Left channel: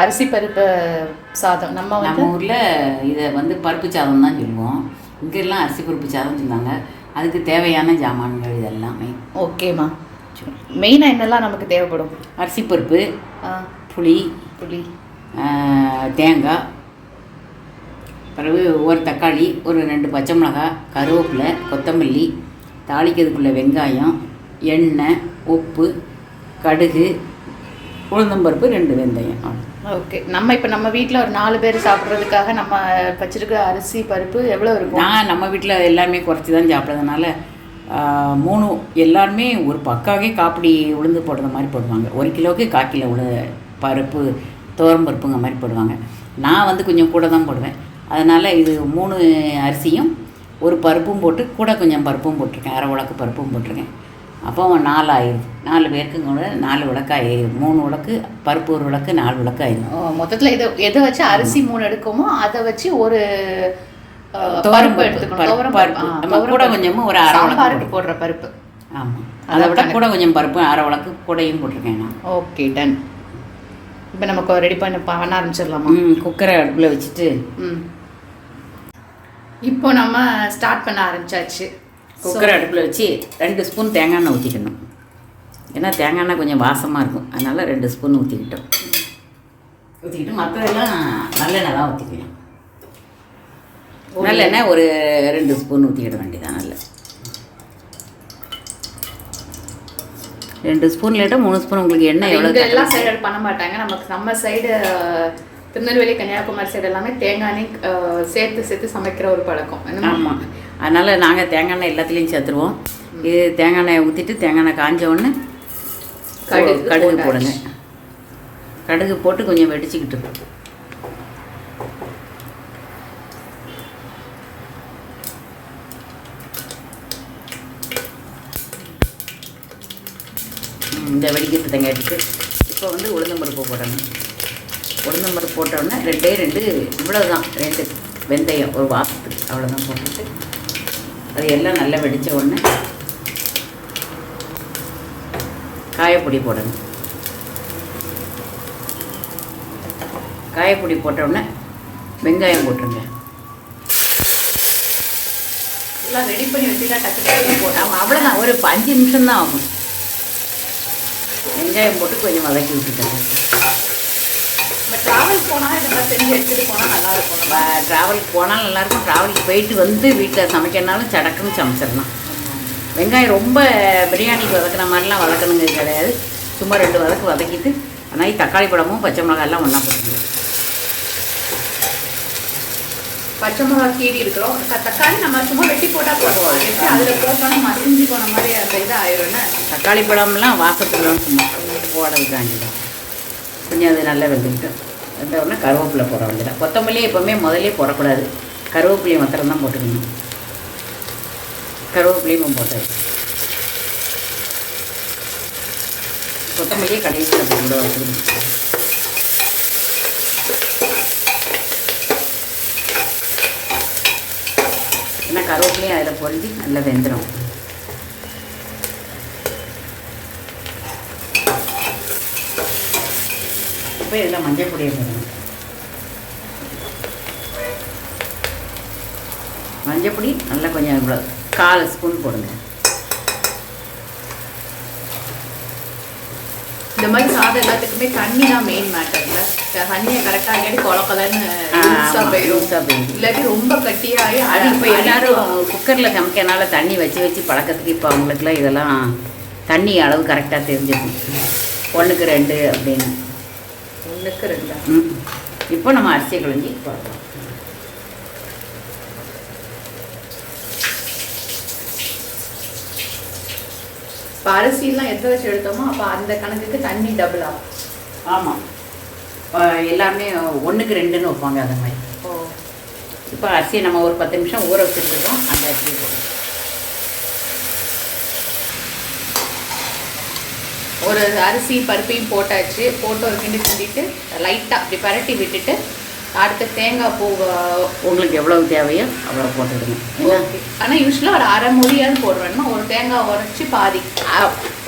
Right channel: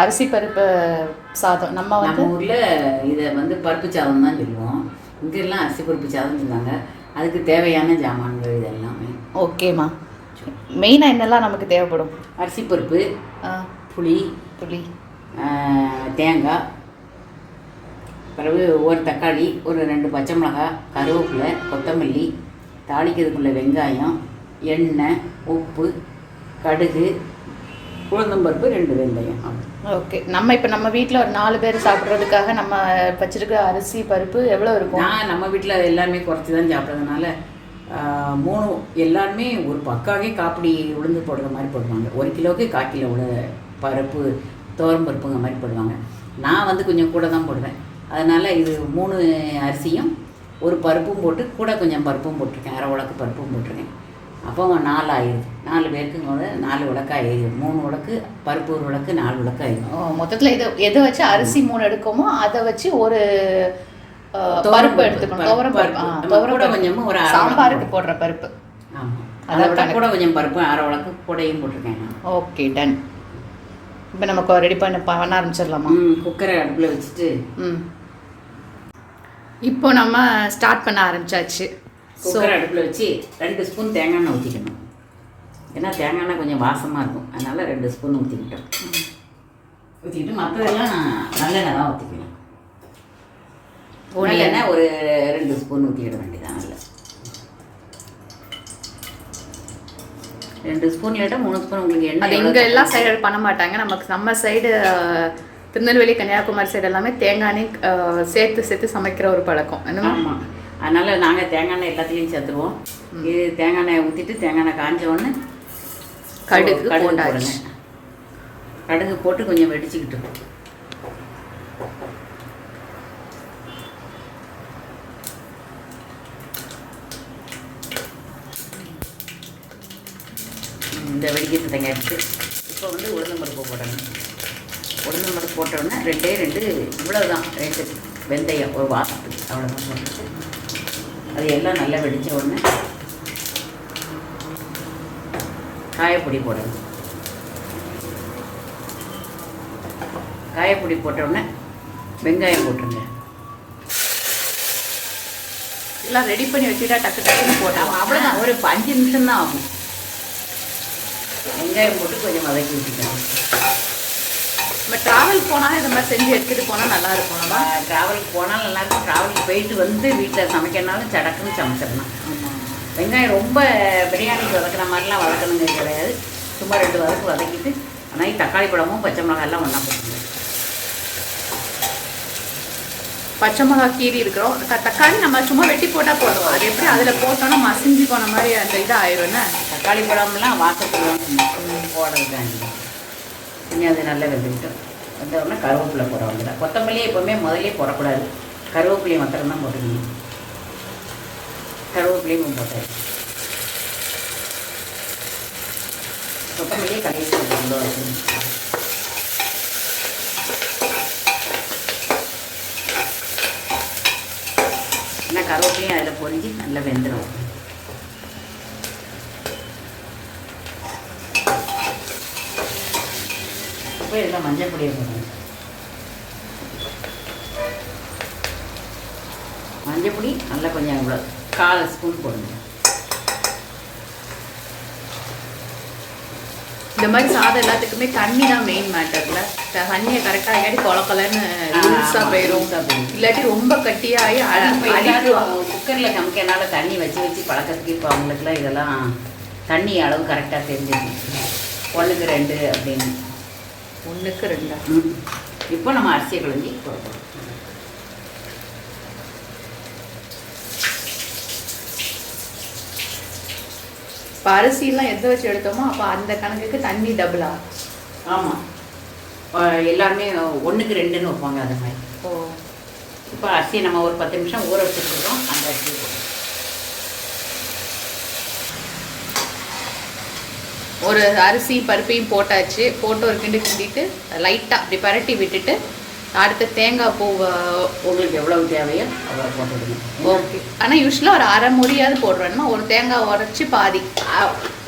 அரிசி பருப்பு சாதம் நம்ம ஊரில் இதை பருப்பு சாதம் தான் சொல்லுவோம். இங்கெல்லாம் அரிசி பருப்பு சாதம் சொன்னாங்க. அதுக்கு தேவையான ஜாமான்கள் இதெல்லாமே. ஓகேம்மா. மெயினாக என்னெல்லாம் நமக்கு தேவைப்படும்? அரிசி பருப்பு, புளி, தேங்காய், பிறகு ஒரு தக்காளி, ஒரு 2 பச்சை மிளகாய், கருவேப்பிலை, கொத்தமல்லி, தாளிக்கிறதுக்குள்ள வெங்காயம், எண்ணெய், உப்பு, கடுகு, உளுந்தம்பருப்பு, 2 வெந்தயம். ஓகே. நம்ம வீட்டில் ஒரு 4 பேர் சாப்பிட்றதுக்காக நம்ம வச்சுருக்க அரிசி பருப்பு எவ்வளோ இருக்கும்? நம்ம வீட்டில் எல்லாருமே குறைச்சி தான் சாப்பிட்றதுனால 3 எல்லாருமே ஒரு பக்காவே காப்பிடி உளுந்து போடுற மாதிரி போடுவாங்க. 1 கிலோவுக்கு 1/4 கிலோ பருப்பு துவரம் பருப்புங்க மாதிரி போடுவாங்க. நான் கொஞ்சம் கூட தான் போடுவேன். அதனால் இது 3 அரிசியும் ஒரு பருப்பும் போட்டு கூட கொஞ்சம் பருப்பும் போட்டிருக்கேன். அரை உலக்கு பருப்பும் போட்டிருக்கேன். அப்போ 4 ஆயிடுது. 4 பேருக்கு கூட 4 உலக்கு ஆயிடுது. 3 உலக்கு பருப்பு, 1 உலக்கு, 4 உலக்கு ஆயிடுது. மொத்தத்தில் எதை வச்சு அரிசி 3 எடுக்கோமோ அதை வச்சு ஒரு பருப்பு எடுத்துக்கணும். துவரம் கூட கொஞ்சமும் ஒரு சாம்பாருக்கு போடுற பருப்பு. ஆமாம், அதை விட கூட கொஞ்சம் பருப்பு அரை உலக்கு கூடையும் போட்டிருக்கேன் நான். Okay, done. இப்போ நமக்கு ரெடி பண்ண ஆரம்பிச்சிடலாமா? குக்கரை அடுப்பில் வச்சுட்டு இப்போ நம்ம ஸ்டார்ட் பண்ண ஆரம்பிச்சாச்சு. குக்கரை அடுப்பில் வச்சு 2 ஸ்பூன் தேங்காய் எண்ணெய் ஊற்றிக்கணும். ஏன்னா தேங்காய் எண்ணெய் கொஞ்சம் வாசமாக இருக்கும். அதனால் 2 ஸ்பூன் ஊற்றிக்கிட்டோம். ஊற்றிக்கிட்டு மற்றதெல்லாம் நல்லெண்ணெய் தான் ஊற்றிக்கலாம். நல்லெண்ணெய் ஒரு 2 ஸ்பூன் ஊற்றிக்கிட வேண்டியதான். நல்ல 2 ஸ்பூன் இல்லாட்டா 3 ஸ்பூன் உங்களுக்கு எண்ணெய். எங்கள் எல்லாம் சைடு பண்ண மாட்டாங்க. நம்ம சைடு திருநெல்வேலி, கன்னியாகுமரி சைடு எல்லாமே தேங்காய் எண்ணெய் சேர்த்து சமைக்கிற ஒரு பழக்கம். ஆமாம், அதனால் நாங்கள் தேங்காய் எண்ணெய் எல்லாத்துலேயும் சேர்த்துருவோம். இது தேங்காய் எண்ணெய் ஊற்றிட்டு தேங்காய் எண்ணெய் காஞ்ச உடனே கடுகு போடுங்க. கடுகு போட்டு கொஞ்சம் வெடிச்சுக்கிட்டு இந்த வெடிக்கிறது தேங்காய் எடுத்து இப்போ உளுந்தம்பருப்பு போடணும். உளுந்தம்பருப்பு போட்டோன்னா 2 இவ்வளோ தான், 2 வெந்தயம் ஒரு வாசத்துக்கு அவ்வளோதான் போட்டுட்டு அது எல்லாம் நல்லா வெடித்த உடனே காயப்பொடி போடணும். காயப்பொடி போட்டோடனே வெங்காயம் போட்டுருங்க. எல்லாம் ரெடி பண்ணி வச்சுட்டா டக்கு போட்டால் அவ்வளோதான், ஒரு 5 நிமிஷம் தான் ஆகும். வெங்காயம் போட்டு கொஞ்சம் வதக்கி விட்டுட்டேன். இப்போ ட்ராவல் போனால் இதெல்லாம் செஞ்சு எடுத்துகிட்டு போனால் நல்லாயிருக்கும். ட்ராவலுக்கு போனாலும் நல்லாயிருக்கும். ட்ராவலுக்கு போயிட்டு வீட்டில் சமைக்கிறனாலும் சடக்குன்னு சமைச்சிடலாம். வெங்காயம் ரொம்ப பிரியாணிக்கு வதக்கிற மாதிரிலாம் வதக்கணுங்கிறது கிடையாது. சும்மா 2 வதக்கு வதக்கிட்டு ஆனால் தக்காளி பழமும் பச்சை மிளகாயெல்லாம் ஒன்றா போட்டுக்கணும். பச்சை மிளகா கீரி இருக்கிறோம். தக்காளி நம்ம சும்மா வெட்டி போட்டால் போடுவோம். எப்படி அதில் போட்டோன்னா மசிஞ்சு போன மாதிரி அந்த இது ஆயிடும்னா தக்காளி பழம்லாம் வாசத்துலாம் போடுறதுக்காண்டி தான். கொஞ்சம் அது நல்லா வெந்துக்கிட்டு வெந்தோடனே கருவேப்பிலை போட வேண்டியதான். கொத்தமல்லியே எப்போவுமே முதலே போடக்கூடாது. கருவேப்பிலையை மாத்திரம் தான் போட்டுக்கணும். கருவேப்பிலையும் போட்டாச்சு. கொத்தமல்லியே கடைசியில் போடணும். ஏன்னா கருவேப்பிலையும் அதில் பொரிஞ்சு நல்லா வெந்துடும். இப்போ இதில் மஞ்சள் பொடியை போடணும். மஞ்சள் பொடி நல்லா கொஞ்சம் இவ்வளோ 1/4 ஸ்பூன் போடுங்க. இந்த மாதிரி சாதம் எல்லாத்துக்குமே தண்ணி தான் மெயின் மேட்டரில். தண்ணியை கரெக்டாக இல்லாட்டி குழப்பலன்னு லூஸாக போயிடும். இல்லாட்டி ரொம்ப கட்டியாகி அது இப்போ எல்லோரும் குக்கரில் சமைக்கிறனால தண்ணி வச்சு பழக்கத்துக்கு இப்போ அவங்களுக்குலாம் இதெல்லாம் தண்ணி அளவு கரெக்டாக தெரிஞ்சிடும். 1க்கு 2 அப்படின்னு. 1க்கு 2. இப்போ நம்ம அரிசியை கலஞ்சி போடுறோம். இப்போ அரிசியெல்லாம் எது வச்சு எடுத்தோமோ அப்போ அந்த கணக்குக்கு தண்ணி டபுள் ஆகும். ஆமாம், எல்லாருமே 1க்கு 2ன்னு வைப்பாங்க அந்த மாதிரி. இப்போ அரிசியை நம்ம ஒரு 10 நிமிஷம் ஊற வச்சுருக்கோம். அந்த அரிசியை போடுறோம். ஒரு அரிசி பருப்பையும் போட்டாச்சு. போட்டு ஒரு கிண்டிட்டு லைட்டாக அப்படி பரட்டி விட்டுட்டு அடுத்து தேங்காய் பூ உங்களுக்கு எவ்வளவு தேவையோ அவ்வளோ போட்டுடுங்க. ஓகே. ஆனால் யூஸ்வலாக ஒரு அரை மூடியாவது போடுறோன்னா ஒரு தேங்காய் உடச்சி பாதி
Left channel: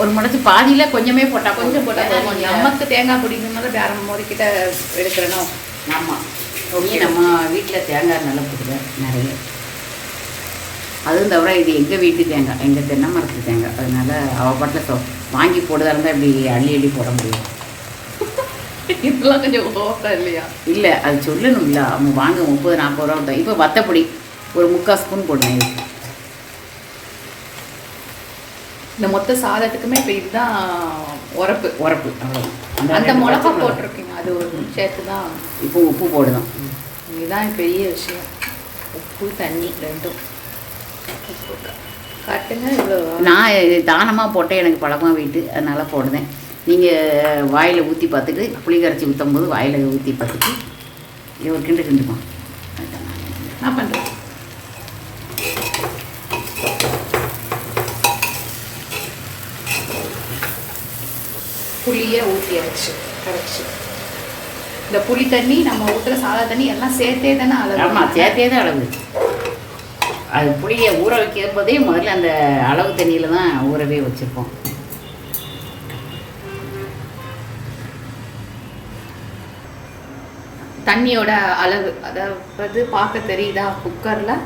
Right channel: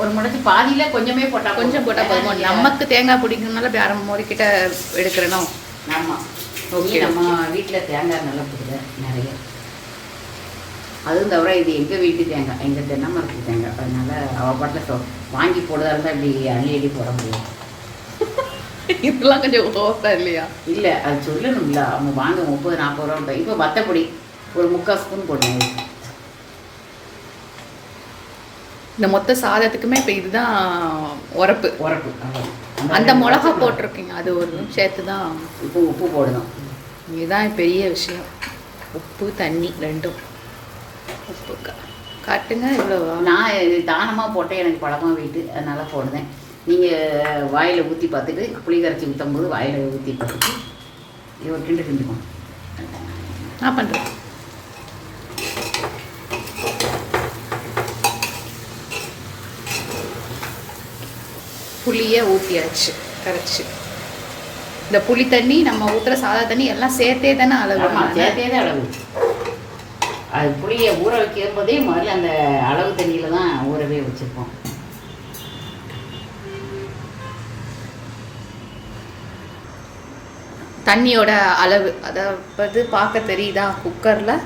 ஒரு முடச்சி பாதியில் கொஞ்சமே போட்டால் கொஞ்சம் போட்டால் நமக்கு தேங்காய் பிடிக்கணும்னால இப்படி அரை மூடி கிட்ட எடுக்கிறனோ. ஆமாம். ஓகே. நம்ம வீட்டில் தேங்காய் நல்லா பிடிக்கல நிறைய. அதுவும் தவிர இது எங்கள் வீட்டு தேங்காய், எங்கள் தென்னை மரத்து தேங்காய். அதனால அவள் பாட்டில் வாங்கி போடுறதா இருந்தால் இப்படி அள்ளி போட முடியும். இதெல்லாம் கொஞ்சம் ஓக்கா இல்லையா? இல்லை, அது சொல்லணும்ல. அவங்க வாங்க 30-40 ரூபா தான். இப்போ வத்தப்பொடி ஒரு 3/4 ஸ்பூன் போடுங்க. இந்த மொத்த சாதத்துக்குமே இப்போ இதுதான் உரப்பு அவ்வளோ. அந்த மிளகா போட்டிருக்கீங்க, அது ஒரு சேர்த்து தான். இப்போ உப்பு போடணும். இதுதான் பெரிய விஷயம். உப்பு தண்ணி ரெண்டும். உப்பு காட்டுங்க. இவ்வளோ நான் தானமாக போட்டேன், எனக்கு பழமாக வீட்டு, அதனால் போடுதேன். நீங்கள் வாயில் ஊற்றி பார்த்துட்டு புளி கரைச்சி ஊற்றும் போது வாயில் ஊற்றி பார்த்துட்டு இது ஒரு கிண்டுமா நான் பண்ணுறேன். புளியை ஊற்றி கரைச்சி இந்த புளி தண்ணி நம்ம ஊற்றுற சாதா தண்ணி எல்லாம் சேர்த்தே தானே அளவு? ஆமாம், சேர்த்தே தான் அளவு. அது புளியை ஊற வைக்கும் போதே முதல்ல அந்த அளவு தண்ணியில் தான் ஊறவே வச்சுருப்போம். தண்ணியோட அளவு அதாவது பார்க்க தெரியுதா? குக்கரில்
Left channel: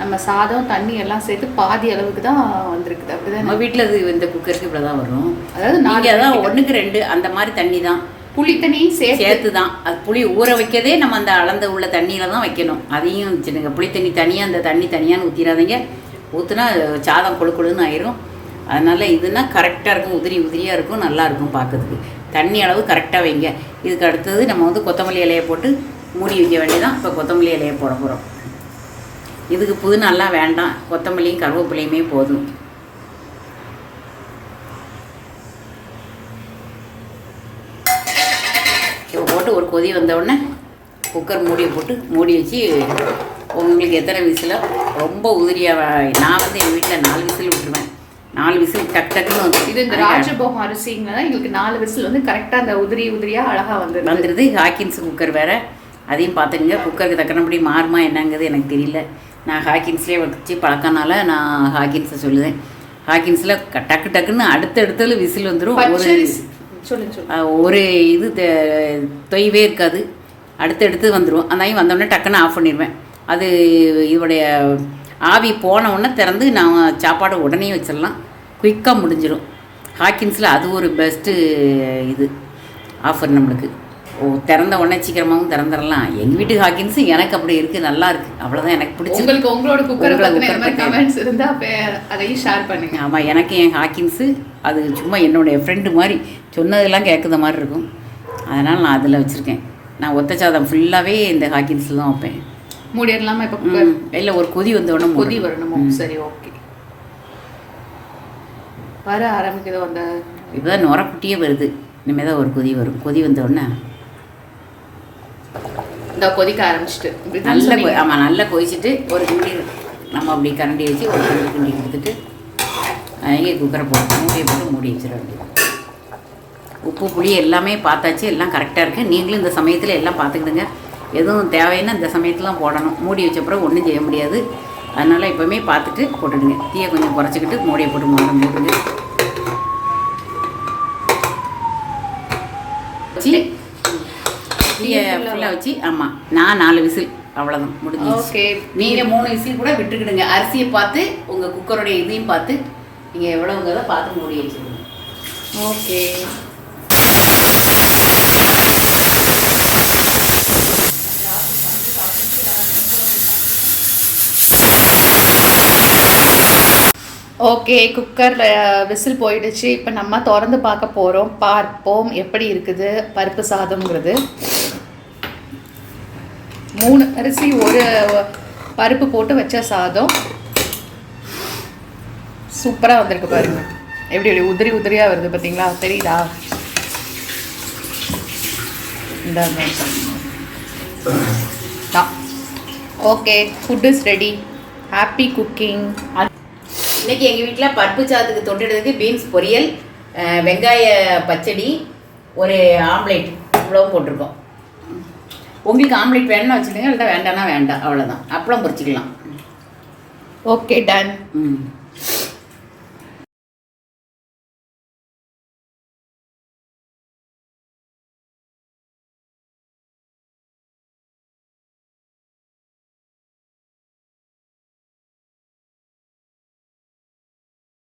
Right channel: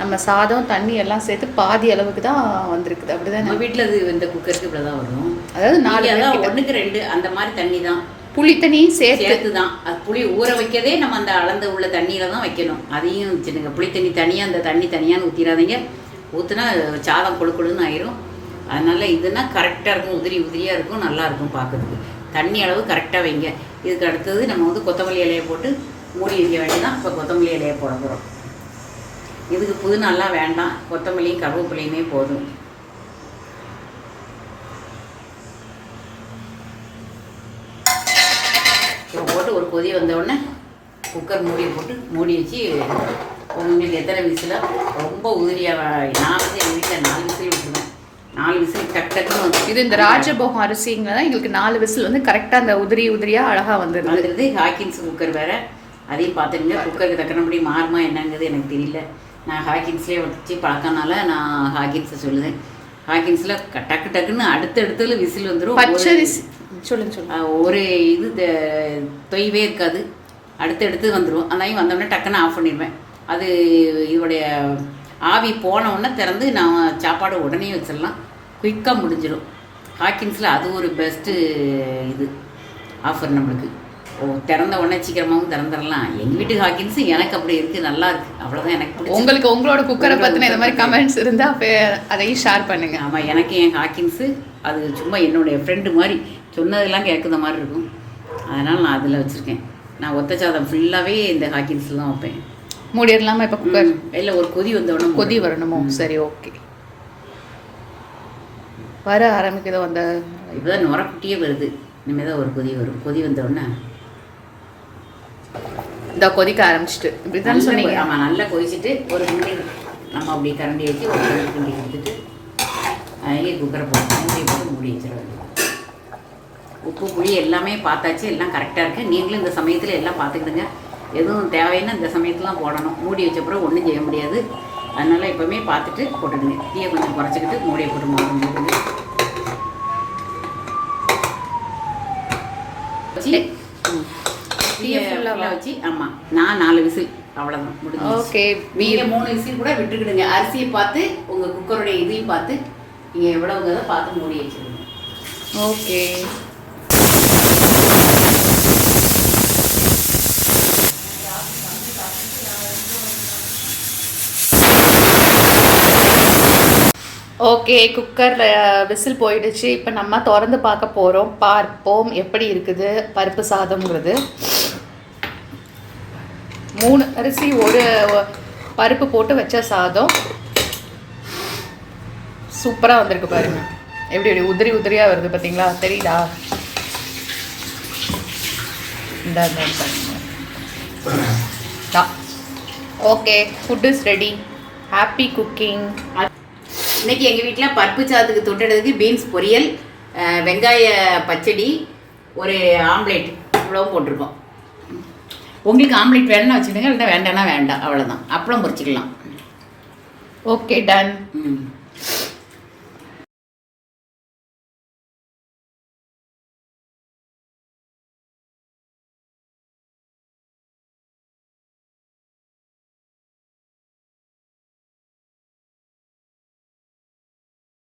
நம்ம சாதம் தண்ணி எல்லாம் சேர்த்து பாதி அளவுக்கு தான் வந்திருக்குது. அப்படிதான் நம்ம வீட்டில் இது இந்த குக்கருக்கு இப்படி தான் வரும். அதாவது 1:2 அந்த மாதிரி தண்ணி தான். புளி தண்ணியும் சேர்த்து தான். அது புளி ஊற வைக்கதே நம்ம அந்த அளந்து உள்ள தண்ணியில் தான் வைக்கணும். அதையும் வச்சுடுங்க. புளி தண்ணி தனியாக, அந்த தண்ணி தனியான்னு ஊற்றிடாதீங்க. ஊற்றுனா சாதம் கொழுன்னு ஆயிரும். அதனால் இதுனா கரெக்டாக இருக்கும், உதிரியாக இருக்கும், நல்லாயிருக்கும் பார்க்கறதுக்கு. தண்ணி அளவு கரெக்டாக வைங்க. இதுக்கு அடுத்தது நம்ம கொத்தமல்லி இலையை போட்டு மூடி வைக்க வேண்டியதான். இப்போ கொத்தமல்லி இலையை போட போகிறோம். இதுக்கு புதினாலாம் வேண்டாம், கொத்தமல்லியும் கருவேப்பிலையுமே போதும். இப்போ போட்டு ஒரு கொதி வந்தவுடனே குக்கர் மூடியை போட்டு மூடி வச்சு உங்களுக்கு எத்தனை விசிலோ ரொம்ப உதிரியாக. நான் எங்கள் வீட்டில் 4 விசில் விட்டுருவேன். 4 விசில் டக்குன்னு இது இந்த ராஜபோகம் அரிசிங்கன்னா எங்களுக்கு 4 விசில் கரெக்டாக அந்த உதிரியாக அழகாக வந்துடுது. ஹாக்கின்ஸ் குக்கர் வேறு, அதையும் பார்த்துங்க. குக்கருக்கு தக்கனபடி மாறுமா என்னங்கிறது எனக்கு தெரியல. நான் ஹாக்கின்ஸ்லேயே வச்சு பழக்கனால நான் ஹாக்கின்ஸை சொல்லுவேன். ஹாக்கின்ஸில் டக்குன்னு அடுத்தடுத்துல விசில் வந்துடும். ஒரு இது தொய்வே இருக்காது, அடுத்தடுத்து வந்துடும். அந்த வந்தோடனே டக்குன்னு ஆஃப் பண்ணிடுவேன். அது இதோடைய ஆவி போன உடனே திறந்து நான் சாப்பாடு உடனே வச்சிடலாம், குயிக்காக முடிஞ்சிடும். ஹாக்கின்ஸில் அது ஒரு பெஸ்ட்டு இது ஆஃபர் நம்மளுக்கு. திறந்த உடனே சீக்கிரமாகவும் திறந்துடலாம். எங்கள் வீட்டு ஹாக்கின்ஸு எனக்கு அப்படி இருக்குது, நல்லா இருக்குது. அவ்வளோதான் எனக்கு பிடிச்சி. உங்களுக்கு உங்களோட குக்கரை பற்றின இந்த மாதிரி கமெண்ட்ஸ் இருந்தால் அதையும் ஷேர் பண்ணுங்க. ஆமாம், எனக்கு என் ஹாக்கின்ஸு அது சும்மா என்னுடைய ஃப்ரெண்டு மாதிரி சொன்னதெல்லாம் கேட்குற மாதிரி இருக்கும். அதனால் நான் அதில் வச்சுருக்கேன். நான் ஒத்த சாதம் ஃபுல்லாகவே இந்த ஹாக்கின்ஸில் தான் வைப்பேன். மூடிடலாமா இப்போ குக்கர்? இல்லை, ஒரு கொதி வந்தோடனே கொதி வரணுமோ? சரி, ஓகே. வர ஆரம்பிக்குதோ அந்த இதுதான் நுரக்குட்டியே வருது. இனிமேல் தான் ஒரு கொதி வரும். கொதி வந்தோடனே இந்த கொதிக்க ஆரம்பிச்சிட்டு ஆமாம், நல்லா கொதிச்சுட்டு ஒரு கிண்டி நம்ம அப்படி கரண்டி வச்சு ஒரு கிண்டி எடுத்துட்டு இங்கே குக்கரை போட்டு மூடியை போட்டு மூடி வச்சிட. உப்பு புளி எல்லாமே பார்த்தாச்சு, எல்லாம் கரெக்டாக இருக்குது. நீங்களும் இந்த சமயத்தில் எல்லாம் பார்த்துக்கிடுங்க. எதுவும் தேவைன்னா இந்த சமயத்துலாம் போடணும். மூடி வச்சப்பறம் ஒன்றும் செய்ய முடியாது. அதனால் எப்போவுமே பார்த்துட்டு போட்டுடுங்க. தீயை கொஞ்சம் குறைச்சிக்கிட்டு மூடியை போட்டு மூடுங்க. வச்சு தீயை ஃபுல்லாக வச்சு, ஆமாம், நான் 4 விசில் அவ்வளோதான் முடிஞ்சு. ஓகே, நீங்கள் 3 விசில் கூட விட்டுக்கிடுங்க. அரிசியை பார்த்து உங்கள் குக்கருடைய இதையும் பார்த்து நீங்கள் எவ்வளோங்கிறத பார்த்து மூடி வச்சுருங்க. ஓகே. ஓகே, குக்கரில் விசில் போயிடுச்சு. இப்போ நம்ம திறந்து பார்க்க போகிறோம். பார்ப்போம் எப்படி இருக்குது பருப்பு சாதம்ங்கிறது. 3 அரிசி 1 பருப்பு போட்டு வச்ச சாதம் சூப்பராக வந்திருக்கு பாருங்கள். எப்படி உதிரியாக வருது பார்த்தீங்களா? தெரியுதா? இந்த okay, food is ready. Happy cooking. இன்றைக்கி எங்கள் வீட்டில் பருப்பு சாதத்துக்கு தொட்டுறதுக்கு பீன்ஸ் பொரியல், வெங்காய பச்சடி, ஒரு ஆம்லேட், இவ்வளவும் போட்டிருக்கோம். உங்களுக்கு ஆம்லேட் வேணும்னா வச்சுடுங்க, இல்லைன்னா வேண்டாம்னா வேண்டாம், அவ்வளோதான். அப்பளம் பொரிச்சிக்கலாம். Okay done. ம்.